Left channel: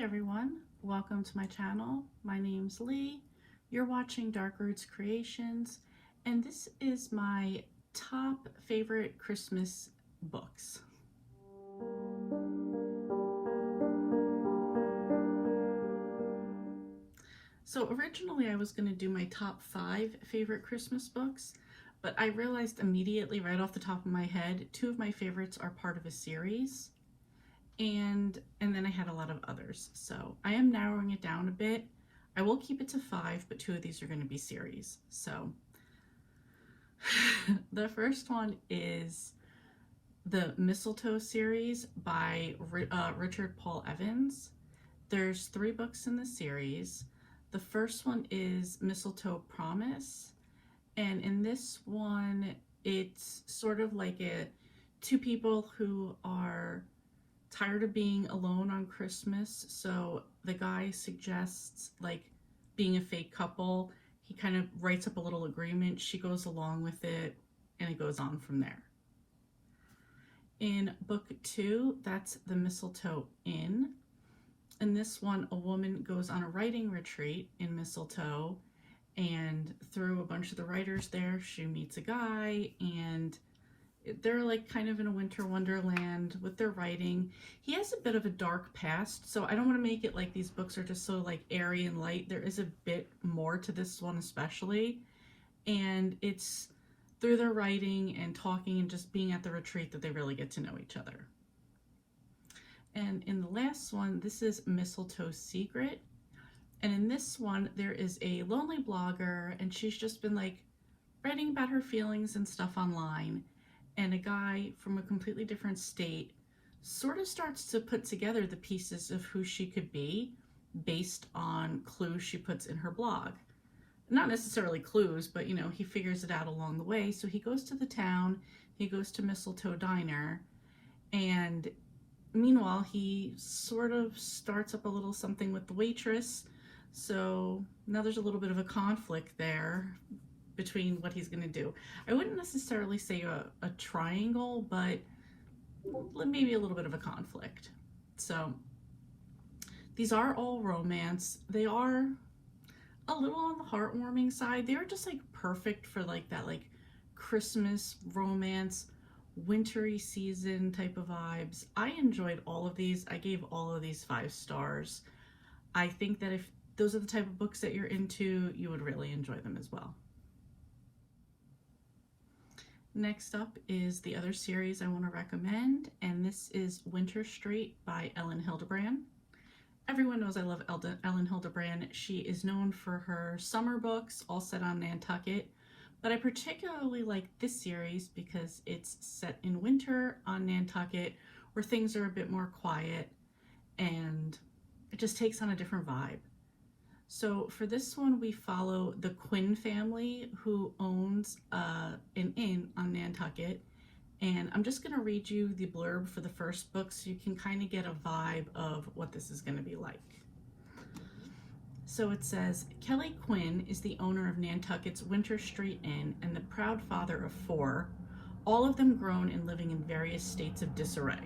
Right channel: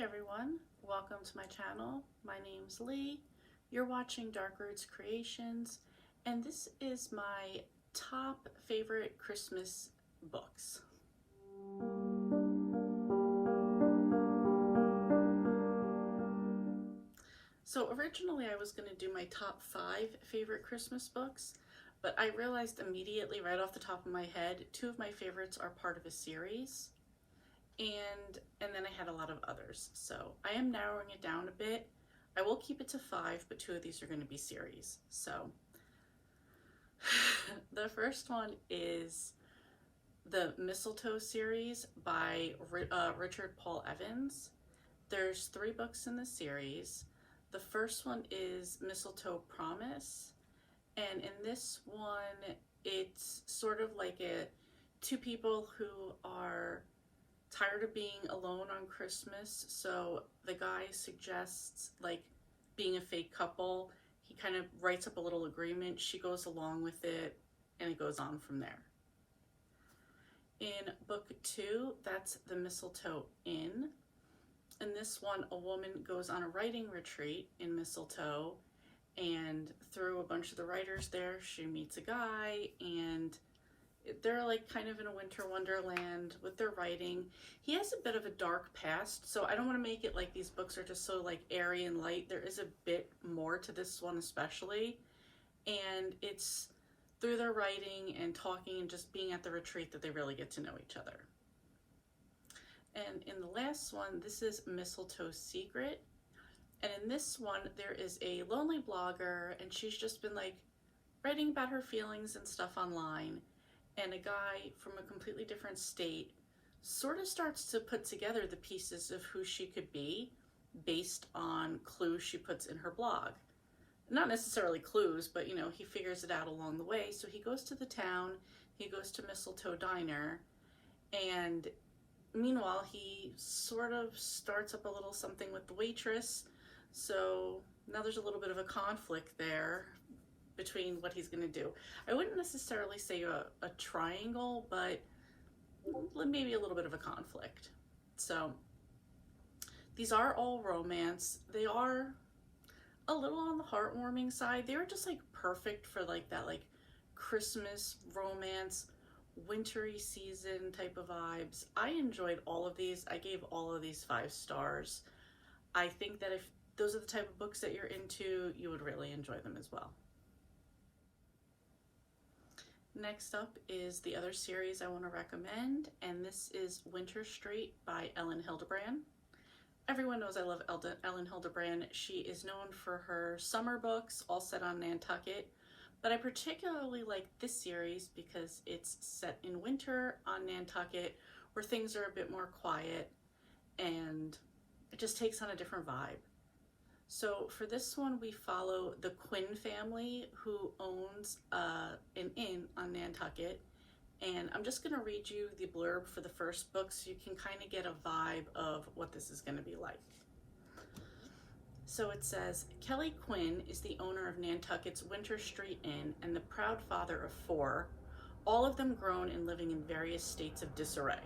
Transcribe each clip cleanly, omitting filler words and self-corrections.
Hi everyone, welcome to my channel. My name's Lee. You're watching Dark Roots Creations, and this is my top favorite Christmas books. So originally I was going to do my top 5 favorite Christmas books, but I realized immediately right off the top of my head, 2 of my favorites are part of a series. And then I had a lot of others. So I am narrowing it down a bit. I will keep it to 5, but 2 of these are going to be series. So the first one is the Mistletoe series by Richard Paul Evans. There's 3 books in the series. The first one is Mistletoe Promise. And in this one, it's sort of like 2 people who are tired of being alone on Christmas, so the guy suggests like being a fake couple. He kind of writes up a little agreement, she goes along with it, and it goes on from there. In book 2, that's the Mistletoe Inn. In this one, a woman goes on a writing retreat in Mistletoe, and through a bunch of the writers there, she meets a guy, and they're like kind of in a winter wonderland with their writing. He has a bit of a dark past, so I don't want to make it like these books are just so like airy and light. There is a bit more to this one especially, and it's through their writing and talking and just being at the retreat that they really get to know each other. And in the last one, this is Mistletoe Secret, and in this one there is a lonely blogger, and she's just been like writing about her feelings and stuff online. And a guy from a completely different state sort of starts to put together the pieces of who she could be based on clues she puts in her blog. Not necessarily clues, but you know, he figures it out along the way. So he goes to the town, he goes to Mistletoe Diner, and meanwhile he sort of starts up a little something with the waitress. So now there's a little bit of a conflict there between what he's going to do. I wouldn't necessarily say a triangle, but maybe a little bit of a conflict. So these are all romance. They are a little on the heartwarming side. They are just like perfect for like that like Christmas romance, wintry season type of vibes. I enjoyed all of these. I gave all of these 5 stars. I think that if those are the type of books that you're into, you would really enjoy them as well. Next up is the other series I want to recommend, and this is Winter Street by Elin Hilderbrand. Everyone knows I love Elin Hilderbrand. She is known for her summer books, all set on Nantucket, but I particularly like this series because it's set in winter on Nantucket where things are a bit more quiet and it just takes on a different vibe. So for this one, we follow the Quinn family who owns an inn on Nantucket. And I'm just going to read you the blurb for the first book so you can kind of get a vibe of what this is going to be like. So it says, Kelly Quinn is the owner of Nantucket's Winter Street Inn and the proud father of 4, all of them grown and living in various states of disarray.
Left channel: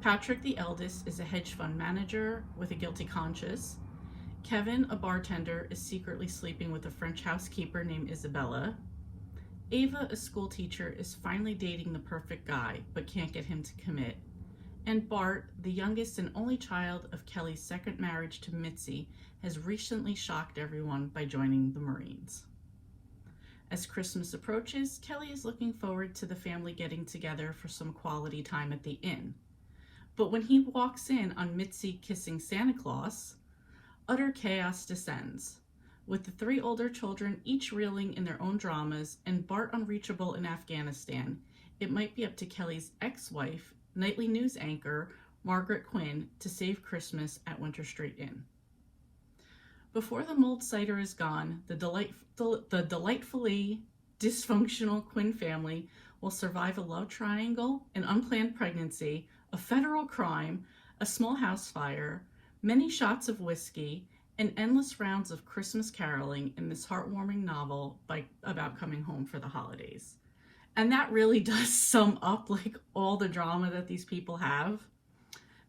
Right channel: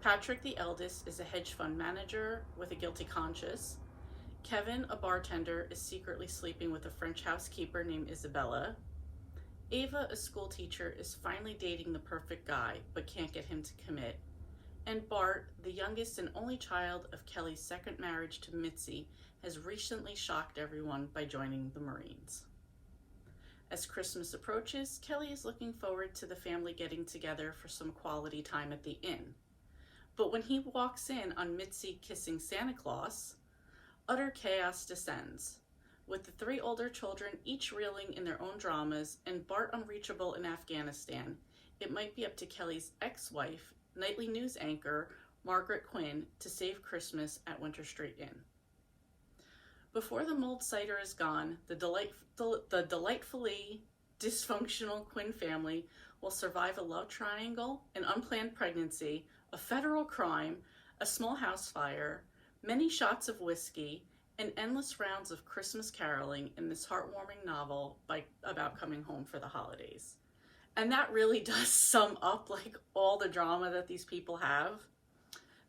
Patrick, the eldest, is a hedge fund manager with a guilty conscience. Kevin, a bartender, is secretly sleeping with a French housekeeper named Isabella. Ava, a school teacher, is finally dating the perfect guy, but can't get him to commit. And Bart, the youngest and only child of Kelly's second marriage to Mitzi, has recently shocked everyone by joining the Marines. As Christmas approaches, Kelly is looking forward to the family getting together for some quality time at the inn. But when he walks in on Mitzi kissing Santa Claus, utter chaos descends, with the 3 older children each reeling in their own dramas and Bart unreachable in Afghanistan. It might be up to Kelly's ex-wife, nightly news anchor Margaret Quinn, to save Christmas at Winter Street Inn. Before the mulled cider is gone, the delightfully dysfunctional Quinn family will survive a love triangle, an unplanned pregnancy, a federal crime, a small house fire, many shots of whiskey, and endless rounds of Christmas caroling in this heartwarming novel about coming home for the holidays. And that really does sum up like all the drama that these people have.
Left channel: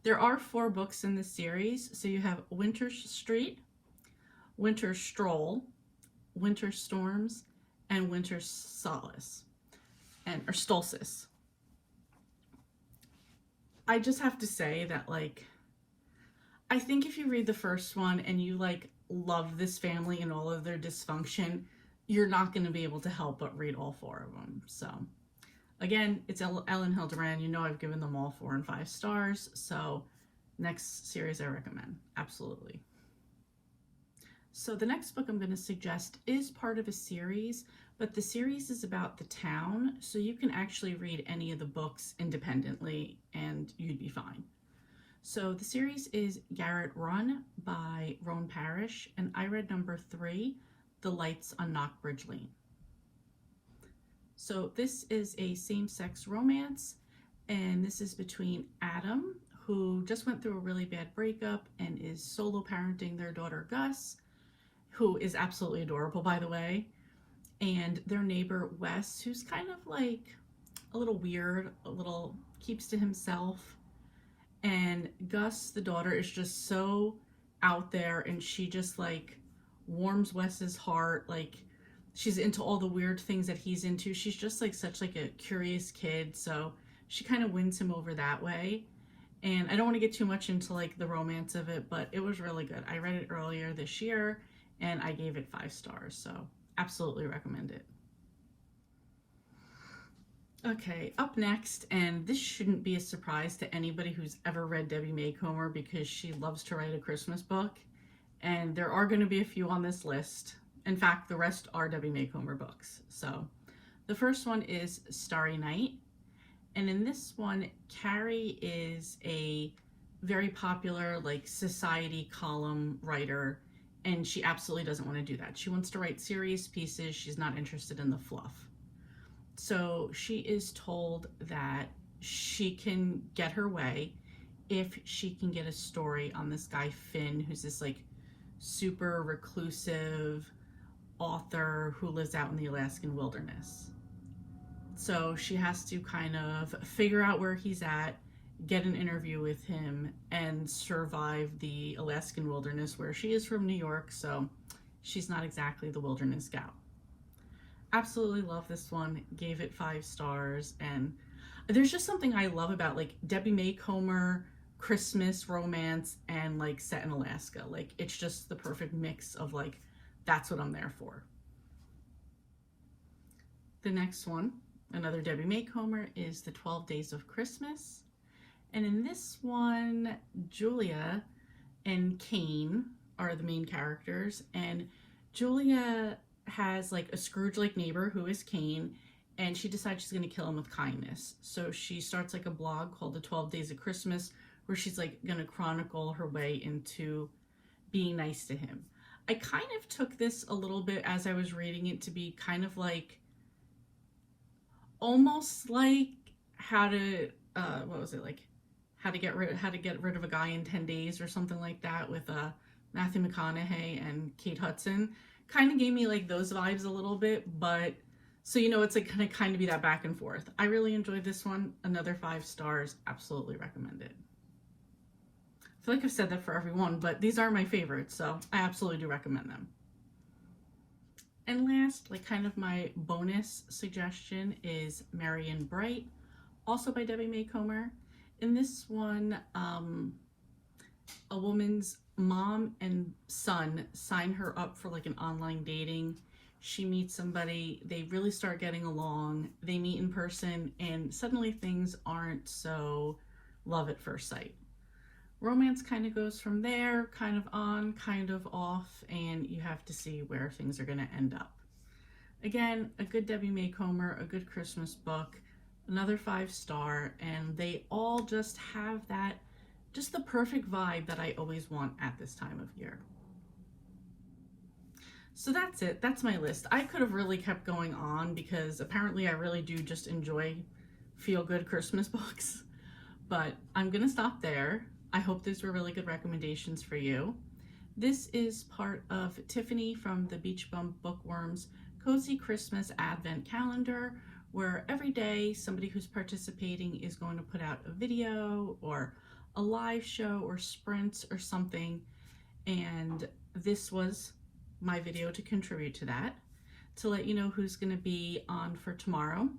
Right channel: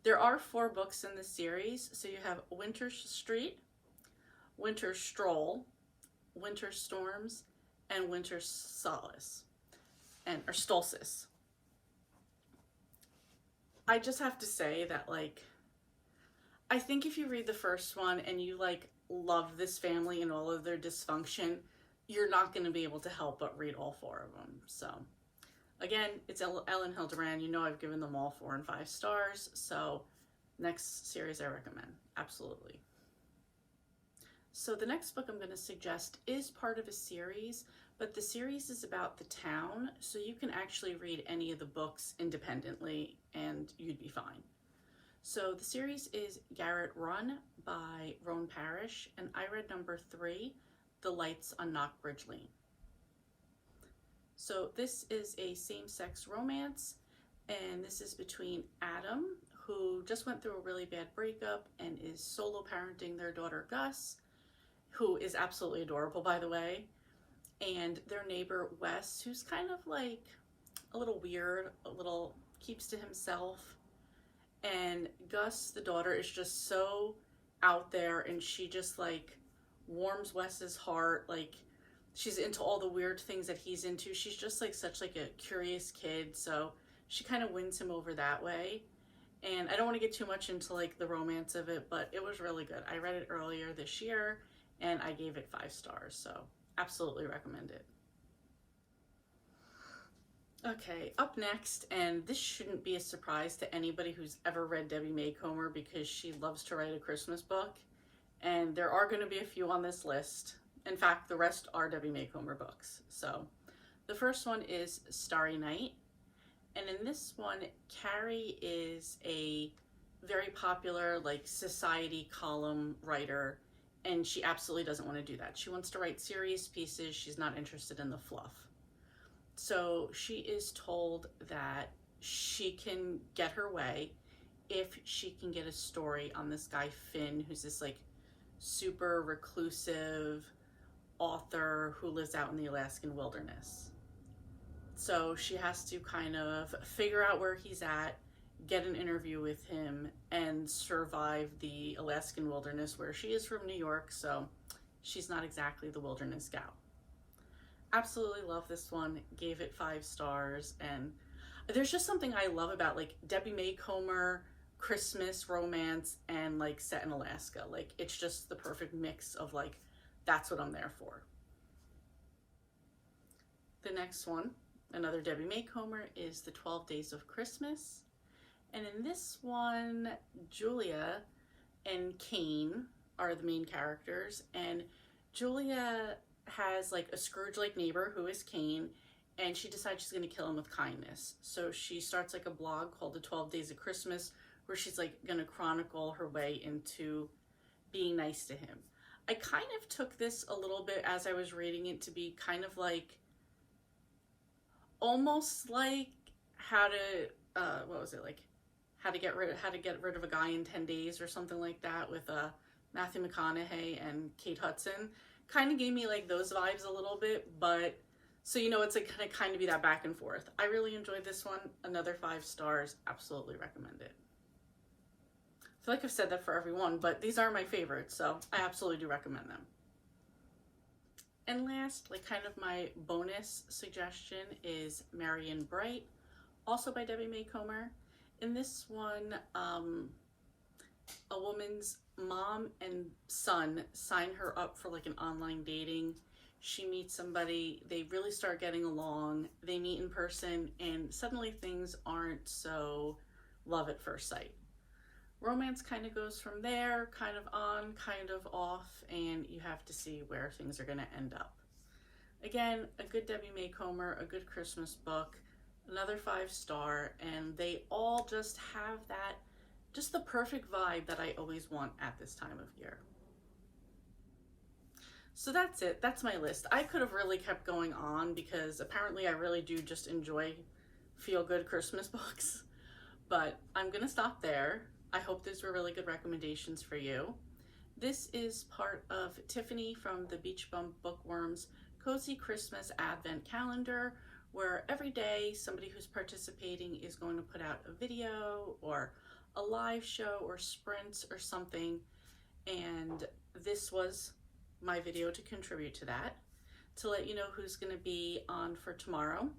There are 4 books in the series. So you have Winter Street, Winter Stroll, Winter Storms, and Winter Solace, or Stolcis. I just have to say that, like, I think if you read the first one and you, like, love this family and all of their dysfunction, you're not going to be able to help but read all 4 of them. So, again, it's Ellen Hildebrand. You know I've given them all 4 and 5 stars. So, next series I recommend. Absolutely. So the next book I'm going to suggest is part of a series, but the series is about the town, so you can actually read any of the books independently and you'd be fine. So the series is Garrett Run by Roan Parrish, and I read number 3, The Lights on Knockbridge Lane. So this is a same-sex romance, and this is between Adam, who just went through a really bad breakup and is solo parenting their daughter Gus, who is absolutely adorable, by the way, and their neighbor Wes, who's kind of like a little weird, a little keeps to himself. And Gus, the daughter, is just so out there, and she just like warms Wes's heart. Like, she's into all the weird things that he's into. She's just like such like a curious kid, so she kind of wins him over that way. And I don't want to get too much into like the romance of it, but it was really good. I read it earlier this year and I gave it 5 stars, so absolutely recommend it. Okay, up next, and this shouldn't be a surprise to anybody who's ever read Debbie Maycomer because she loves to write a Christmas book, and there are going to be a few on this list. In fact, the rest are Debbie Maycomer books. So the first one is Starry Night, and in this one, Carrie is a very popular like society column writer, and she absolutely doesn't want to do that. She wants to write serious pieces. She's not interested in the fluff. So she is told that she can get her way if she can get a story on this guy Finn, who's this like super reclusive author who lives out in the Alaskan wilderness. So she has to kind of figure out where he's at, get an interview with him, and survive the Alaskan wilderness, where she is from New York, so she's not exactly the wilderness gal. Absolutely love this one, gave it 5 stars, and there's just something I love about like Debbie Maycomer Christmas romance and like set in Alaska. Like, it's just the perfect mix of like, that's what I'm there for. The next one, another Debbie Maycomer, is The 12 Days of Christmas. And in this one, Julia and Kane are the main characters, and Julia has like a Scrooge-like neighbor who is Kane, and she decides she's going to kill him with kindness. So she starts like a blog called The 12 Days of Christmas, where she's like going to chronicle her way into being nice to him. I kind of took this a little bit as I was reading it to be kind of like, almost like how to, what was it, like how to get rid of a guy in 10 days or something like that, with Matthew McConaughey and Kate Hudson. Kind of gave me like those vibes a little bit, but so you know, it's like gonna kind of be that back and forth. I really enjoyed this one. Another 5 stars. Absolutely recommend it. I feel like I've said that for everyone, but these are my favorites, so I absolutely do recommend them. And last, like kind of my bonus suggestion, is Marion Bright, also by Debbie Maycomer. In this one, a woman's mom and son sign her up for like an online dating. She meets somebody, they really start getting along, they meet in person, and suddenly things aren't so love at first sight. Romance kind of goes from there, kind of on, kind of off, and you have to see where things are going to end up. Again, a good Debbie Maycomer, a good Christmas book, another 5 star, and they all just have that, just the perfect vibe that I always want at this time of year. So that's it. That's my list. I could have really kept going on because apparently I really do just enjoy feel-good Christmas books, but I'm going to stop there. I hope these were really good recommendations for you. This is part of Tiffany from the Beach Bum Bookworms Cozy Christmas Advent Calendar, where every day somebody who's participating is going to put out a video or a live show or sprints or something, and this was my video to contribute to that, to let you know who's going to be on for tomorrow.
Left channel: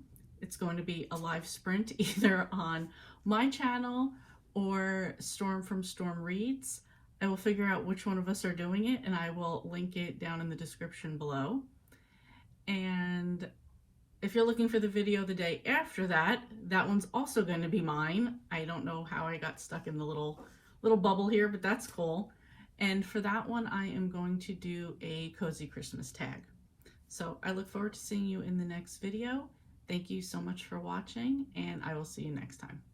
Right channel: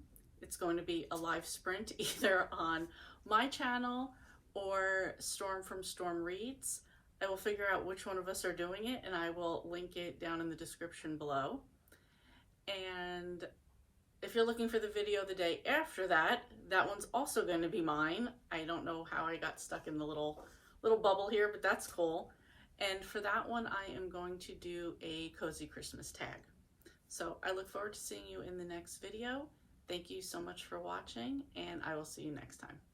It's going to be a live sprint either on my channel or Storm from Storm Reads. I will figure out which one of us are doing it, and I will link it down in the description below. And if you're looking for the video the day after that, that one's also going to be mine. I don't know how I got stuck in the little bubble here, but that's cool. And for that one, I am going to do a cozy Christmas tag. So I look forward to seeing you in the next video. Thank you so much for watching, and I will see you next time.